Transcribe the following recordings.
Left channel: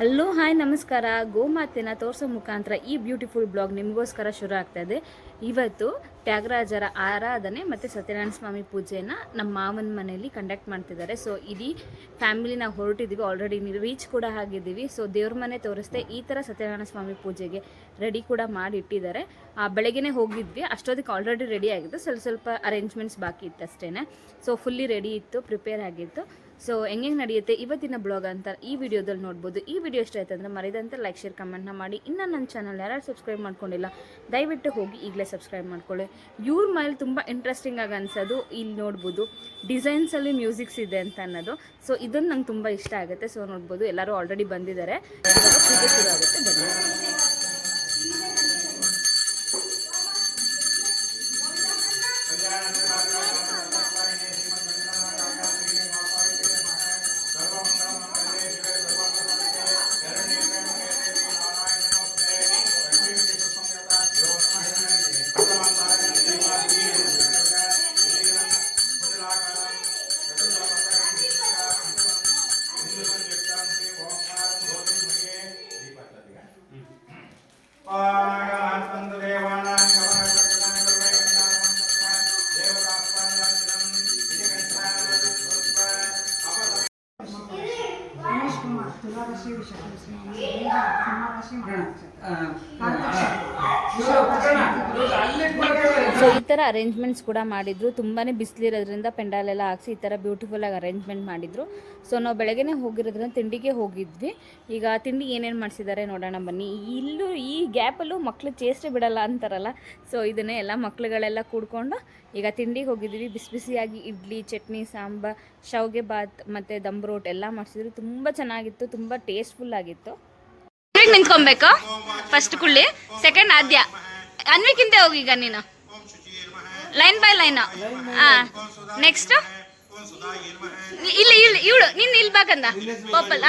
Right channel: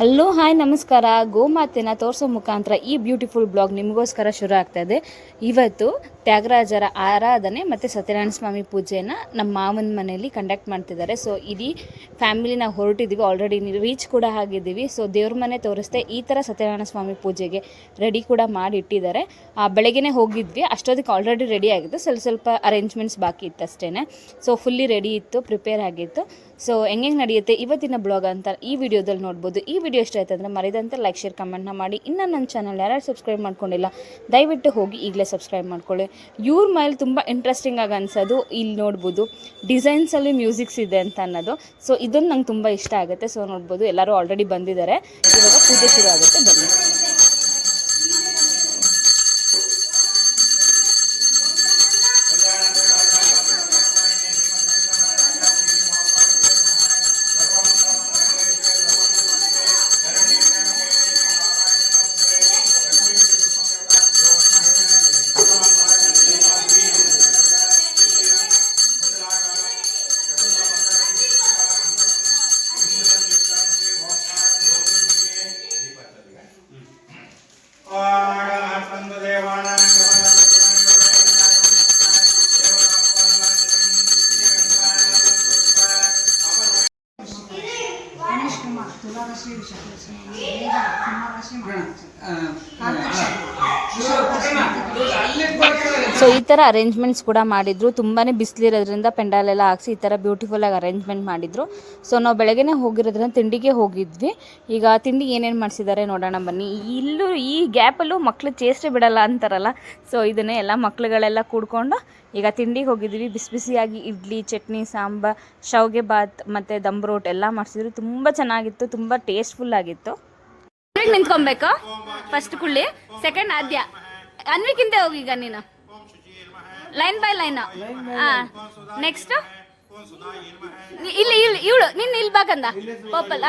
Hello hi ನಮಸ್ಕಾರ. ಗೋಮಾತೆನ ತೋರಿಸೋ ಮುಖಾಂತರ ಈ ಬ್ಯೂಟಿಫುಲ್ ಬ್ಲಾಗ್ ನಿಮಗೋಸ್ಕರ ಶುರು ಆಗ್ತಾ ಇದೆ. ಇವತ್ತು ತ್ಯಾಗರಾಜರ ಆರಾಧನೆ ಮತ್ತು ಸತ್ಯನಾರಾಯಣ ಸ್ವಾಮಿ ಪೂಜೆಯನ್ನು ನಮ್ಮ ಮಾವನ ಮನೆಯಲ್ಲಿ ಕಂಡಕ್ಟ್ ಮಾಡ್ತಿದ್ದಾರೆ. ಸೊ ಇಡೀ ಫ್ಯಾಮಿಲಿ ನಾವು ಹೊರಟಿದ್ದೀವಿ, ಆಲ್ರೆಡಿ ರೀಚ್ ಕೂಡ ಆಗಿದ್ದೀವಿ. ಸೊ ದೇವ್ರ ಮನೆ ತೋರಿಸ್ದೆ ಈ ಥರ ಸತ್ಯನಾರಾಯಣ ಸ್ವಾಮಿ ಪೂಜೆಗೆ ರೆಡಿ ಕೂಡ ಮಾಡಿ ಇಟ್ಟಿದ್ದಾರೆ. ಬೆಳಗ್ಗೆನೇ ಹೋಗಿದ್ವಿ, ಅಷ್ಟೊತ್ತಿಗೆ ಆಲ್ರೆಡಿ ರೆಡಿ ಆಗಿತ್ತು, ಸ್ವಲ್ಪ ಅರೇಂಜ್ಮೆಂಟ್ಸ್ ಬಾಕಿ ಇತ್ತು ಅಷ್ಟೇ. ಸೊ ಫುಲ್ಲಿ ರೆಡಿ ಇತ್ತು, ಪ್ರಿಪೇರ್ ಆಗಿತ್ತು. ಸೊ ಹೆಂಗೆ ನಡೆಯುತ್ತೆ ಇವತ್ತಿನ ಬ್ಲಾಗ್ ಅಂತ ಈ ವಿಡಿಯೋದಲ್ಲಿ ನೋಡ್ಬೋದು. ಈ ವಿಡಿಯೋ ಇಷ್ಟ ಆಯ್ತು ಅಂದರೆ ಮರಿದಂತೆ ಲೈಕ್ ಶೇರ್ ಕಮೆಂಟ್ನ ಮಾಡಿ. ಇನ್ನು ನನ್ನ ಚಾನಲ್ ಯಾರು ಸಬ್ಸ್ಕ್ರೈಬ್ ಮಾಡ್ಕೊಂಡಿಲ್ಲ ದಯವಿಟ್ಟು ಹೋಗಿ ಈಗಲೇ ಸಬ್ಸ್ಕ್ರೈಬ್ ಮಾಡ್ಕೊಳ್ಳಿ. ಇವ್ರ ಮೇಲೆ ತುಂಬ ಇಂಟ್ರೆಸ್ಟಿಂಗ್ ಆಗಿ ಅನ್ಸೋದು ಇಲ್ಲಿ ನೋಡ್ಬೋದು, ಡಿಸೈನ್ಸಲ್ಲಿ ಮ್ಯೂಸಿಕ್ಸ್ ಇದೆ ಅಂತ ಅನ್ನೋದು. ಸೊ ಇದನ್ನು ನಂಗೆ ತುಂಬ ಇಷ್ಟ ಆಗುತ್ತೆ. ಸೊ ನೋಡ್ಬೋದು ಎಲ್ಲರೂ ಆಲ್ರೆಡಿ ಬಂದಿದ್ದಾರೆ, ಇವಾಗ ಪೂಜೆ ಶುರು ಆಗುತ್ತೆ, ಬನ್ನಿ. ಸೊ ಈ ಥರ ಅರೇಂಜ್ಮೆಂಟ್ಸ್ ಕೂಡ ಮಾಡಿದ್ರು. ತುಂಬಾ ಬಿಸಿಲಿರೋದ್ರಿಂದ ಪೆಂಡಾಲೆಲ್ಲ ಹಾಕ್ಸಿ ಈ ಥರ ಬ್ಯೂಟಿಫುಲ್ಲಾಗಿ ಅರೇಂಜ್ಮೆಂಟ್ ಮಾಡಿದ್ರು. ಸೊ ನಾವು ಬೆಳಗ್ಗೆನೇ ಹೋಗಿರೋದ್ರಿಂದ ತಿಂಡಿಗೆ ಹೋಗಿದ್ವಿ. ಈಗ ತಿಂಡಿ ಏನೇನು ಮಾಡಿಸಿದ್ದಾರೆ ನೋಡೋಣ ಬನ್ನಿ. ಇಲ್ಲೂ ಈ ಗ್ಯಾಪಲ್ಲೂ ಮಕ್ಳು ಚೇಷ್ಟೆ ಬಿಡಲ್ಲ ಅಂತಾರಲ್ಲ, ಸೊ ಇದನ್ನೇ ಎಲ್ಲ ಮಕ್ಳುಗಳೆಲ್ಲ ಕೂಡ್ಕೊಂಡು ಈಗ ತಿಂಡಿಗೆ ಹೋಗಿದ್ವಿ. ಬಿಸಿ ಬಿಸಿಯಾಗಿ ಇಡ್ಲಿ, ಚಟ್ನಿ, ಸಾಂಬಾರ್, ಶಾವಿಗೆ ಬಾತ್ ಮತ್ತು ದಮ್ ರೋಟ್ ಎಲ್ಲ ಮಾಡಿಸಿದ್ರು. ತುಂಬ ಚೆನ್ನಾಗಿತ್ತು, ತುಂಬ ಟೇಸ್ಟ್ಫುಲ್ ಆಗಿತ್ತು. ನಿಂತ್ಕೊಬೇಕಾ ಫಸ್ಟ್ ಕುಳ್ಳಿ, ಸೆಕೆಂಡ್ ಆದ್ಯ, ಅನ್ವಿಕ್ಕಿಂತ ಹೋಗಿ ಈಗ ನೀನು ಲೈನ್ ಬೈ ಲೈನ್. ನೆಕ್ಸ್ಟ್ ಇಲ್ಲಿ ಇಲ್ಲಿ ಇವಳು ನಿನ್ನ ಇಲ್ಲಿ ಬಾಕಂದ ಪೋಪಲ್.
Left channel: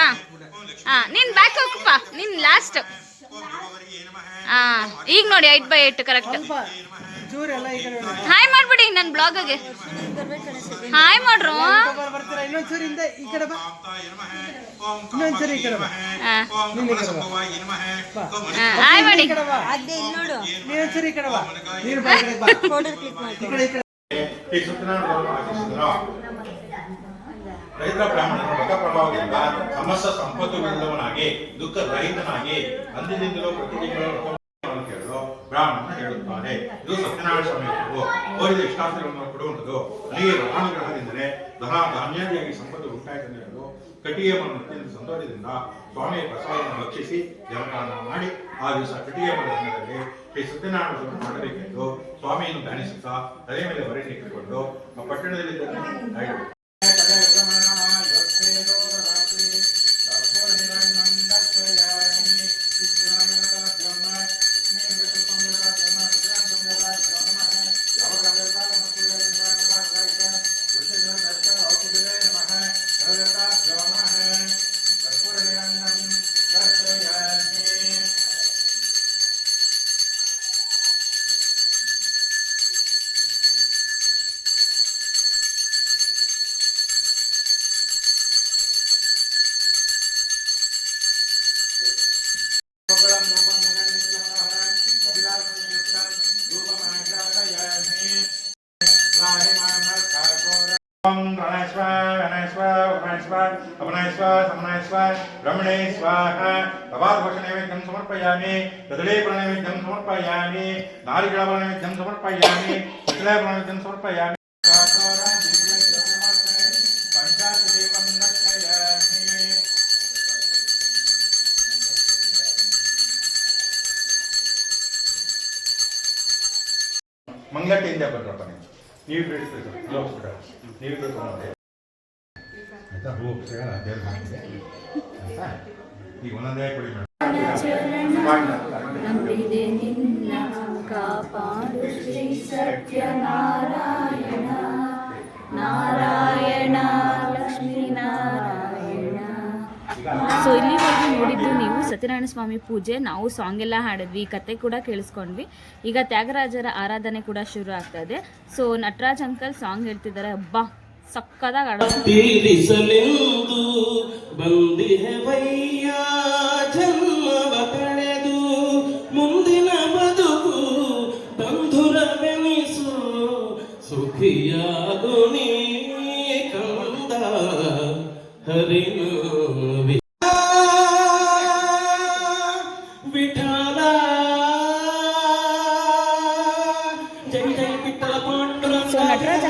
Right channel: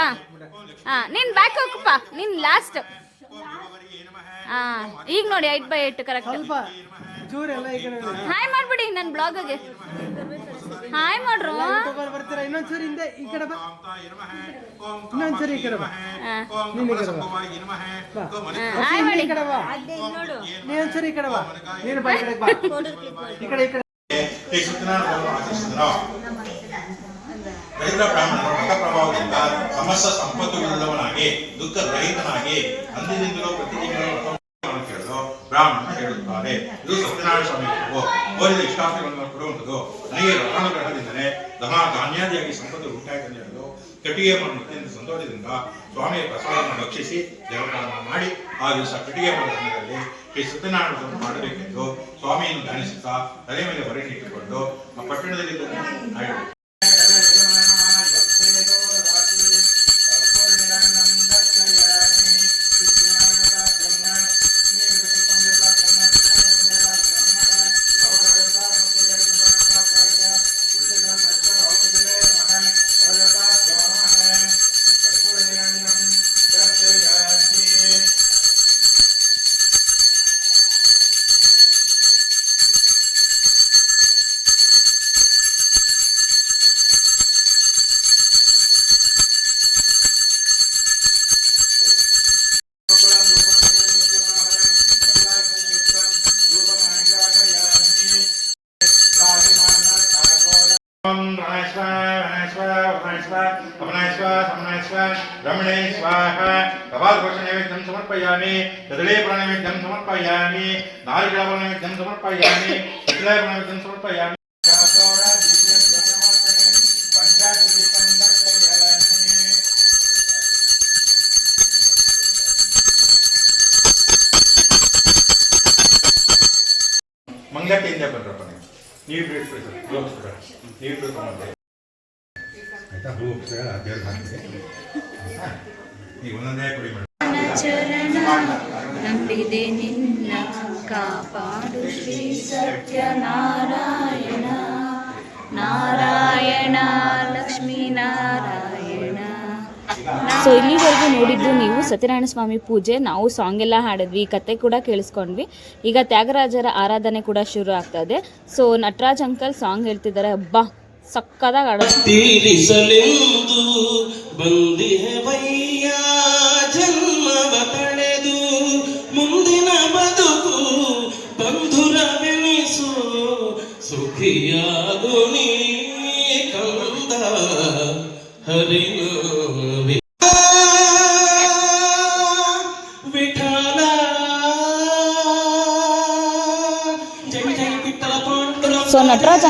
ನೀನು ಬ್ಯಾಕ್ ಹೋಗಪ್ಪ, ನೀನು ಲಾಸ್ಟ್. ಈಗ ನೋಡಿ 8/8 ಕರೆಕ್ಟ್. ಹಾಯ್ ಮಾಡ್ಬಿಡಿ ನನ್ನ ಬ್ಲಾಗ್ಗೆ, ಹಾಯ್ ಮಾಡ್ರು. ಹಾಯ್ ಮಾಡಿ. ರೈತ ಬ್ರಾಹ್ಮಣನ ವ್ರತ ಪ್ರಭಾವದಿಂದ ಸಮಸ್ತ ಸಂಪತ್ತುಗಳಿಲ್ಲವನಾಗಿ ದುಃಖ ರಹಿತನಾಗಿ ಅಂದಿನಿಂದಲೂ ಪ್ರತಿ ತಿಂಗಳು ಕೇಳಲು ಬ್ರಾಹ್ಮಣ ಹೇಳುತ್ತಾರೆ. ಇದು ಸತ್ಯನಾರಾಯಣ ಸ್ವಾಮಿ ಓದಿದ ಇಷ್ಟಾರ್ಥಗಳನ್ನು ಕೊಡುವಂಥದ್ದು. ನನಗೆ ರತ್ನಗ್ರಹದಿಂದಲೇ ಧಾನ್ಯಾದಿಯಾಗಿ ಸಂಪತ್ತು ಉಂಟಾಯಿತು ಹೇಳಲು ಕಟ್ಟಿಗೆ ಮರದಿಂದ ಸಂತೋಷದಿಂದ ಸ್ವಾಮಿಯ ಪ್ರಸಾದವನ್ನು ಭಕ್ಷಿಸಿ ದೇವರನ್ನು ಮಾಡಿ ಆ ದಿವಸ ಕಟ್ಟಿಗೆ ಮರದ ದಿನದಲ್ಲಿ ಶ್ರೀ ಸತ್ಯನಾರಾಯಣವನ್ನು ಮಾಡಬೇಕೆಂದು ಸ್ವಾಮಿಯನ್ನು ಧ್ಯಾನಿಸುತ್ತಾ ತಲೆ ಮೇಲೆ ಬರೆಯನ್ನು ಇಟ್ಟುಕೊಂಡು ಆ ಪಟ್ಟಣದಲ್ಲಿ नैवेद्यं समर्पयामि, तदलेपनैवेद्यं समर्पयामि, नारिकेलनैवेद्यं समर्पयामि, शिलानैवेद्यं समर्पयामि. ಮಂಗಳಾಟಿಯಿಂದ ಬಂದ್ರಪ್ಪ ನೀವು ನೀವು ಬಿಡ್ಕೊಂಡು ಆಯ್ತಾ ದೇವ್ರ ಹಾಕಿದೆ ಈಗ ಒಂದೊಂದೇ ಕುಡಿ ನಂಬಿದೆ ನಿನ್ನ ಕಾಪಾಡು ಶ್ರೀ ಸತ್ಯನಾರಾಯಣ ನಾರಾಯಣ ಲಕ್ಷ್ಮೀ ನಾರಾಯಣ. ಸೊ ಇಲ್ಲಿವರೆಗೂ ನೋಡಿದ್ದು ನೀವು ಸತ್ಯನಾರಾಯಣ ಸ್ವಾಮಿ ಪೂಜೆ. ನಾವು ಸಾಂಗ್ ಎಲ್ಲ ಹಾಡಿದ್ವಿ, ಕತೆ ಕೂಡ ಕೇಳಿಸ್ಕೊಂಡ್ವಿ. ಈಗ ತ್ಯಾಗರಾಜರ ಆರಾಧನೆ ಕೂಡ ಶುರು ಆಗ್ತಾ ಇದೆ. ಸೊ ನಟರಾಜ್ ಅಂಕಲ್ ಸಾಂಗ್ ಹೇಳ್ತಿದ್ದಾರೆ, ಹಬ್ಬ ಸಕ್ಕದಾಗಿ ಆಡೋದು.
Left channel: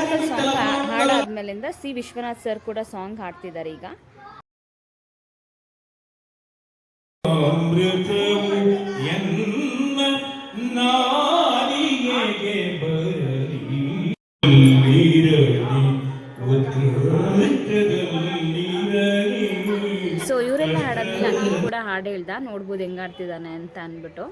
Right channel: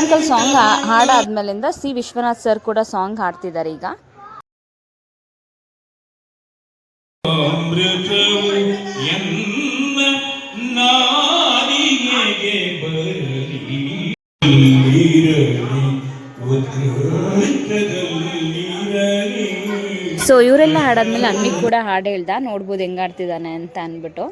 ಅಂಕಲ್ ಸಾಂಗ್ ಹಾಡಾದ್ಮೇಲಿಂದ ಸಿ ವಿಶ್ವನಾಥ್ ಸರ್ ಕೂಡ ಸಾಂಗ್ ಹಾಡ್ತಿದ್ದಾರೆ ಈಗ. ಸೊ ಇವರೆಲ್ಲ ಹಾಡಾದ್ಮೇಲೆ ಅನ್ವಿ ಕೂಡ ಹಾಡು ಹೇಳ್ದ, ನೋಡ್ಬೋದು ಹೆಂಗ್ ಆಡ್ತಿದ್ದಾನೆ ಅಂತ ಅಂದ್ಬಿಟ್ಟು.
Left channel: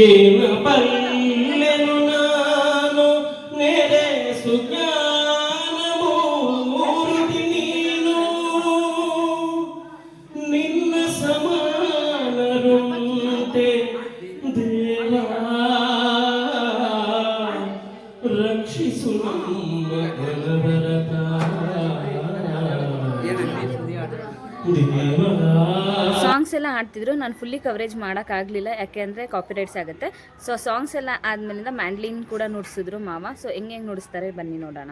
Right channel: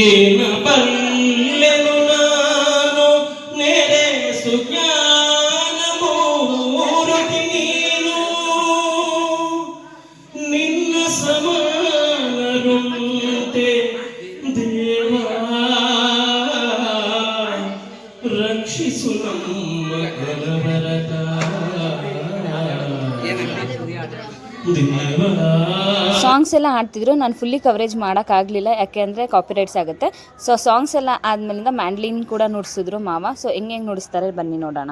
ಏನ ಬಲ್ಲೆನು ನಾನು ನೆರೆ ಸುಜ್ಞಾನ ಮೂರುತಿ ನೀನು ನಿನ್ನ ಸಮಾನರುಂತೆ ದೇವಾ ರಕ್ಷಿಸು ನಮ್ಮ ಕಲವರದ ದೇವಾ. ಸಾಂಗ್ಸ್ ಎಲ್ಲ ಹಾಡ್ತಿದ್ರು, ನಾನು ಫುಲ್ಲಿ ಕವರೇಜ್ ಮಾಡೋಕ್ಕಾಗಲಿಲ್ಲ, ಯಾಕೆ ಅಂದರೆ ಕಾಪಿರೈಟ್ಸ್ ಆಗುತ್ತೆ. ಸೊ ಸಾಂಗ್ಸ್ ಎಲ್ಲ ಆದಮೇಲಿಂದ ಮ್ಯಾಂಡ್ಲಿನ್ ಕೂಡ ನುಡಿಸಿದ್ರು ಮಾವ. ಸೊ ಹೆಂಗೆ ನುಡಿಸ್ತಾರೆ ಬನ್ನಿ ನೋಡೋಣ.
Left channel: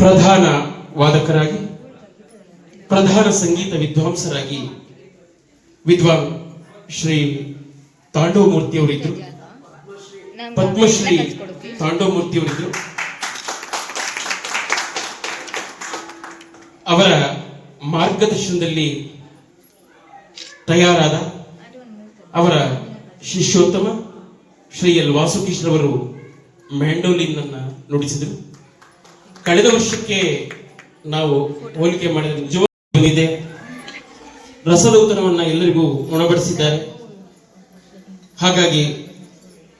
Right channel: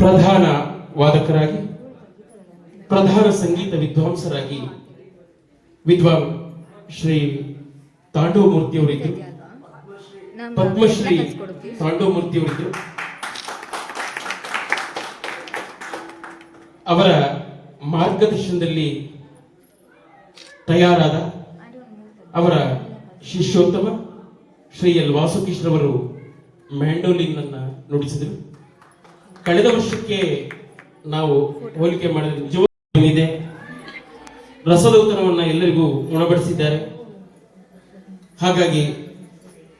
ಪ್ರಧಾನ ವಾದಕರಾಗಿ, ಪ್ರಧಾನ ಸಂಗೀತ ವಿದ್ವಾಂಸರಾಗಿ ವಿದ್ವಾನ್ ಶ್ರೀ ತಾಂಡವಮೂರ್ತಿಯವರಿದ್ದರು. ಪದ್ಮಶ್ರೀ ತಾಂಡವಮೂರ್ತಿಯವರಿದ್ದರು. ಅವರ ಮಾರ್ಗದರ್ಶನದಲ್ಲಿ ತಯಾರಾದ ಅವರ ಶಿಷ್ಯೋತ್ತಮ ಶ್ರೀ ಎಲ್ ವಾಸುಕೀಶ್ರವರು ಮ್ಯಾಂಡೋಲಿನ್ ಅನ್ನು ನುಡಿಸಿದರು. ಕಳೆದ ವರ್ಷಕ್ಕೆ ನಾವು ಹೋಲಿಕೆ ಮಾಡಿದ ನಿಜವಾಗಿದೆ. ರಸದೌತಣವನ್ನು ಎಲ್ಲರಿಗೂ ಉಣಬಡಿಸಿದ್ದಾರೆ. ಹಾಗಾಗಿ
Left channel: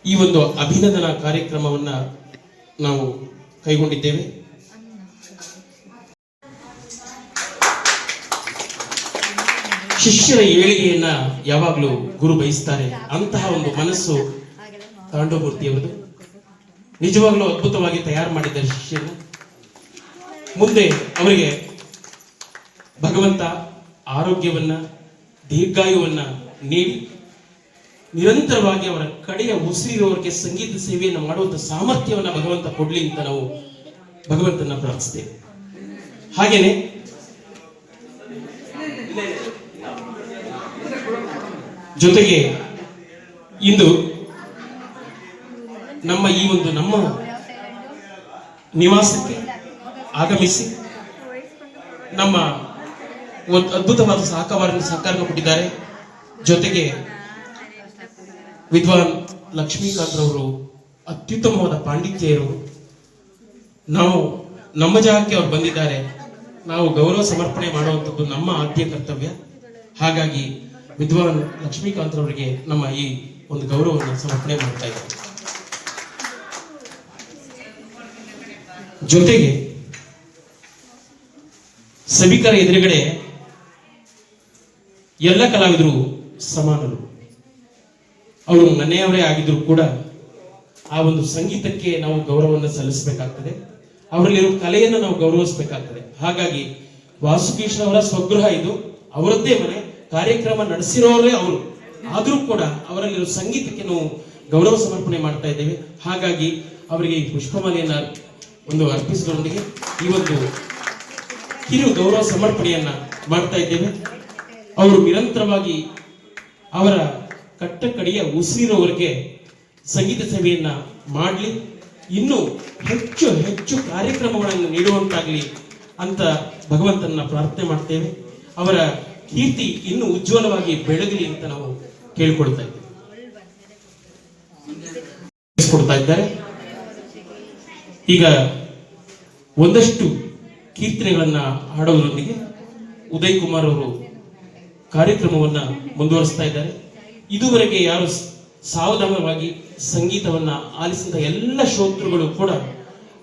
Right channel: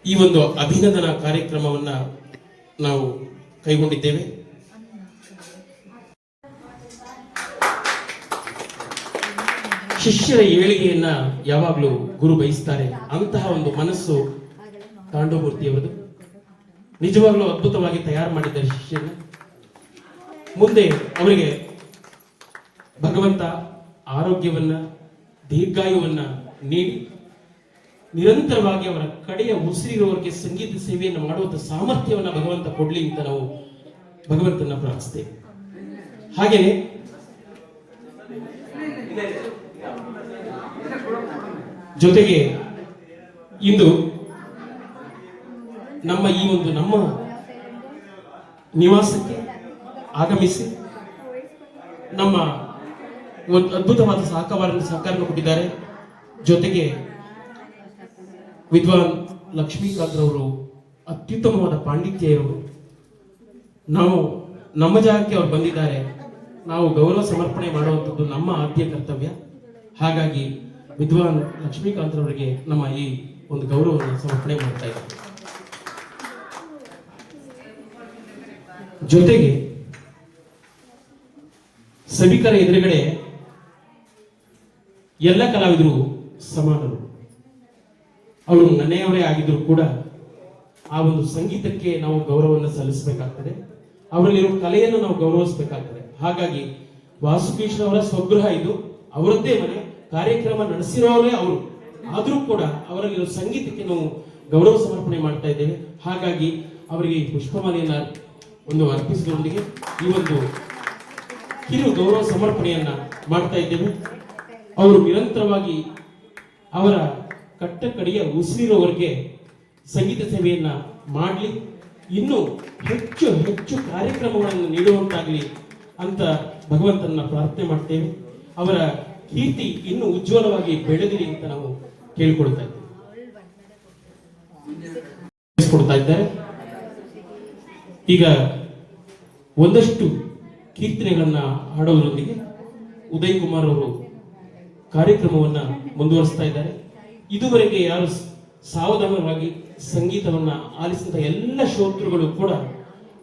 ಈ ಒಂದು ಅಭಿನಂದನಾ ಕಾರ್ಯಕ್ರಮವನ್ನು ನಾವು ಕೈಗೊಂಡಿದ್ದೇವೆ. ಶಿಷ್ಯರ ಏಳಿಗೆಯನ್ನ ಯಾವಾಗಲೂ ಗುರು ಬಯಸ್ತಾರೆ. ಅಂತಹ ಒಂದು ಮನಸ್ಸು ತಾಂಡವಮೂರ್ತಿಯವರದು. ನಿಜವಾಗ್ಲೂ ಅದ್ಭುತವಾಗಿ ತಯಾರು ಮಾಡಿದ್ದಾರೆ ಶಿಷ್ಯನ. ಮುಂದೆ ಅವರಿಗೆ ಭಗವಂತ ಆರೋಗ್ಯವನ್ನ, ದೀರ್ಘಾಯುವನ್ನ ನೀಡಿ ನಿರಂತರವಾಗಿ ಅವರ ಕಡೆಯ ಉಸಿರಿರುವವರಿಗೆ ಸಂಗೀತ ಸೇವೆಯನ್ನು ಮಾಡುವಂತ ಸಾಮರ್ಥ್ಯವನ್ನು ಭಗವಂತ ಕೊಡ್ಲಿ ಅಂತ ನಾವು ಭಗವಂತನ ಪ್ರಾರ್ಥಿಸ್ತೇವೆ. ಹಾಗೇನೆ ಜೊತೆಗೆ ಇಂದು ನಮ್ಮ ಈ ಒಂದು ನಮ್ಮ ನಿವಾಸಕ್ಕೆ ಆಗಮಿಸಿ ನಮ್ಮ ಒಂದು ಅದ್ಭುತವಾದ ಸಹಕಾರವನ್ನು ಕೊಟ್ಟಿದ್ದಾರೆ. ಜೊತೆಗೆ ವಿದ್ವಾನ್ ಲಕ್ಷ್ಮೀಕಾಂತ್ ರವರು ಅತ್ಯುತ್ತಮವಾದ ಪಾಂಡಿತ್ಯ ಇರುವರು. ನಾವು ನಮ್ಮ ಜಾಗಕ್ಕೆ ಅವ್ರು ಬಂದಿದ್ದಾರೆ, ನಾವು ಗೌರವ ಸಮರ್ಪಣೆ ಮಾಡುವಂಥದ್ದು ನಮ್ಮ ಆದ್ಯ ಕರ್ತವ್ಯ. ಹಾಗಾಗಿ ವಿದ್ವಾನ್ ಲಕ್ಷ್ಮೀಕಾಂತ್ ರವರಿಗೆ ನಮ್ಮ ಈ ಒಂದು ಗೌರವವನ್ನು ಸಮರ್ಪಣೆ ಮಾಡ್ತಾ ಇದ್ದಾರೆ. ಜೊತೆಗೆ ಸಭಿಕರ ಎದುರುಗಡೆ ಎಲ್ಲ ಕಲಾವಿದರು ಸಮಾನರು. ಅವರು ಮನೆಯವರೇ ಆಗಿದ್ರು ಕೂಡ ಆ ಒಂದು ಸಂಗೀತಕ್ಕೆ ನಾವು ಗೌರವವನ್ನು ಸಲ್ಲಿಸಬೇಕಾಗ್ತದೆ, ಅವರಲ್ಲಿರೋ ಕಲೆಯನ್ನು ನಾವು ಗೌರವಿಸಬೇಕಾಗ್ತದೆ. ಹಾಗಾಗಿ ವಾಸುಕೇಶ್ ಅವರ ಸ್ವಗೃಹ ಇದು, ಅವರದ್ದೇ ಮನೆ, ಕಾರ್ಯಕ್ರಮ ನಡೆಸಿರೋರೇ ಅವರು, ಆದರೂ ಕೂಡ ಅವರಲ್ಲಿರೋ ಸಂಗೀತಕ್ಕೆ ನಾವು ಗೌರವ ಸಮರ್ಪಣೆ ಮಾಡ್ತಾ ಇದ್ದೇವೆ. ಹಾಗಾಗಿ ಅವರಿಗೆ ಈ ಪುಷ್ಪಮಾಲೆಯನ್ನು ಒಂದು ಅರ್ಪಿಸುವುದರೊಂದಿಗೆ ಈ ಒಂದು ಕಿರು ಗೌರವ ಸಮರ್ಪಣೆಯನ್ನ ಮಾಡ್ತಾ ಇದ್ದೇವೆ. ಅವರು ನಿರಂತರವಾಗಿ ಅವರ ಕಟ್ಟ ಕಡೆಯ ಉಸಿರಿನವರೆಗೆ ಸಂಗೀತ ಸೇವೆಯನ್ನ ಮಾಡಲಿ, ಇನ್ನೂ ಹೆಚ್ಚು ಹೆಚ್ಚು ಕಾರ್ಯಕ್ರಮಗಳನ್ನು ನೀಡುವಂತಾಗಲಿ ಅಂತ ಭಗವಂತನ ಪ್ರಾರ್ಥನೆ ಮಾಡ್ತೇವೆ. ಅವರ ಕೀರ್ತಿ ಇನ್ನೂ ಉಜ್ವಲವಾಗಿ ಬೆಳಗಲಿ ಅಂತ ನಾವು ಕೇಳಿಕೊಳ್ತಾ ಇದ್ದೇವೆ. ಇದ್ದಾರೆ ಈಗ ಒಂದಷ್ಟು ಕೀರ್ತನೆಗಳನ್ನ ಹಾಡೋದ್ರೊಂದಿಗೆ ಉದಯ್ ಕುಮಾರ್ ಅವರು ಕಾರ್ಯಕ್ರಮವನ್ನ ಮುಂದುವರಿಸ್ತಾ ಇದ್ದಾರೆ. ಇದುವರೆಗೆ ಯಾರು ಸಾವಧಾನವಾಗಿ ಸಂಗೀತವನ್ನ ಆಲಿಸಿದ ಎಲ್ಲ ಶ್ರೋತೃಗಳು ಕೂಡ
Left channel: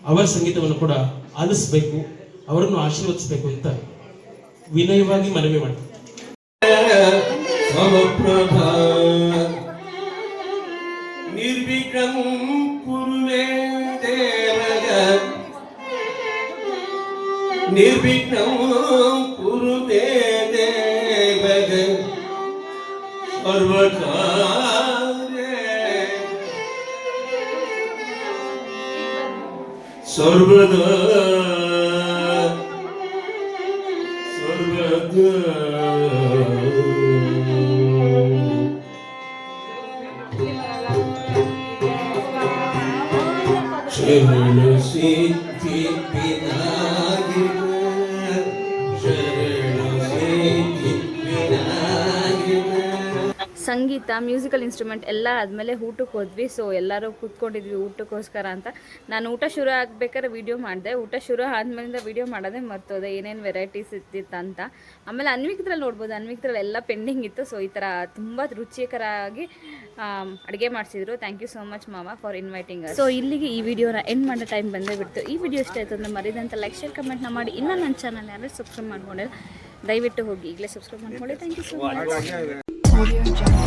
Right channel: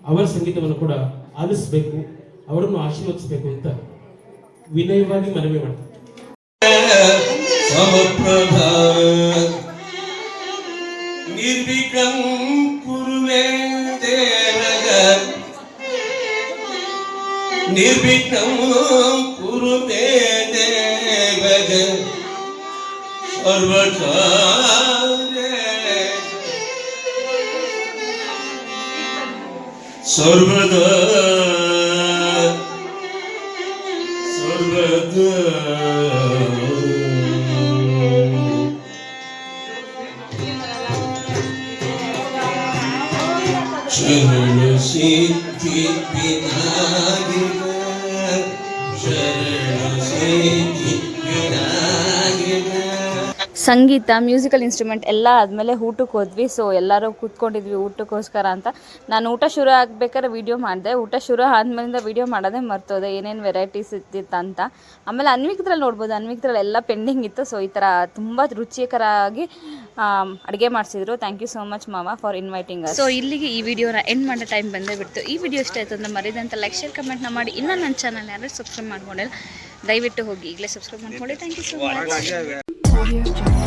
ಅವರ ಸಂಗೀತವನ್ನು ಕೂಡ ಆಲಿಸಬೇಕು, ಅವರನ್ನು ಆಶೀರ್ವದಿಸಬೇಕು ಅಂತ ವಿನಯವಾಗಿ ಮನವಿ ಮಾಡ್ತಾರೆ. ನಿರ್ವಿಘ್ನಂ ಕುರುಮೇ ದೇವಗ, ನಿರ್ವಿಘ್ನಂ ಕುರುಮೇ ದೇವಗ, ಸರ್ವದಾ ಸರ್ವದಾ ಶರಣ ಸಿದ್ಧಿ ವಿನಾಯಕ, ಶರಣ ಸಿದ್ಧಿ ವಿನಾಯಕ. ಸಂಗೀತ, ಮ್ಯೂಸಿಕಲ್ ಇನ್ಸ್ಟ್ರೂಮೆಂಟ್ ಎಲ್ಲ ಆದಮೇಲೆ ಊಟಕ್ಕೆ ಹೋದ್ವಿ. ಸೊ ಎಲ್ಲರೂ ಕೂತ್ಕೊಂಡಿದ್ವಿ ಊಟಕ್ಕೋಸ್ಕರ ಅಂತ. ನಾನು ಊಟ ಶುರು ಆಗಬೇಕಾದ್ರೆ ವೀಡಿಯೋ ಮಾಡಿದೆ, ಊಟ ಶುರು ಆದಮೇಲಿಂದ ವೀಡಿಯೋ ಮಾಡೋದೇ ಮರ್ತೋದೆ, ಏನೇನು ವೆರೈಟೀಸ್ ಇತ್ತಿತ್ತು ಅಂತ. ಆಮೇಲೆ ಅನ್ವಿಕ್ದ್ರಲ್ಲಿ ನೋಡ್ಬೋದು, ಅನ್ವಿಕ್ದ್ರಲ್ಲಿ ಎಲ್ಲ ಪೆಂಡಿಂಗ್ ಇತ್ತು. ಸೊ ಈ ಥರ ತುಂಬ ರುಚಿಕರವಾಗಿ ಅಡುಗೆ ಮಾಡಿಸಿದ್ರು. ಥ್ಯಾಂಕ್ ಯು ಸೋ ಮಚ್ ಮಾವ ಫಾರ್ ಇನ್ವೈಟಿಂಗ್ ಅಸ್. ಸೊ ಇಲ್ಲಿಗೆ ಈ ವಿಡಿಯೋನ ಎಂಡ್ ಮಾಡೋ ಟೈಮ್ ಬಂದೇ ಬಿಡ್ತು. ಈ ವಿಡಿಯೋ ಇಷ್ಟ ಆಯಿತು ಅಂದರೆ ಮರಿದಂತ ಲೈಕ್, ಶೇರ್, ಕಮೆಂಟ್ನ ಮಾಡಿ. ಇನ್ನೂ ನನ್ನ ಚಾನಲ್ ಯಾರು ಸಬ್ಸ್ಕ್ರೈಬ್ ಮಾಡ್ಕೊಂಡಿಲ್ಲ ದಯವಿಟ್ಟು ಹೋಗಿ ಈಗಲೇ ಸಬ್ಸ್ಕ್ರೈಬ್ ಮಾಡ್ಕೊಳ್ಳಿ. Thank you so much.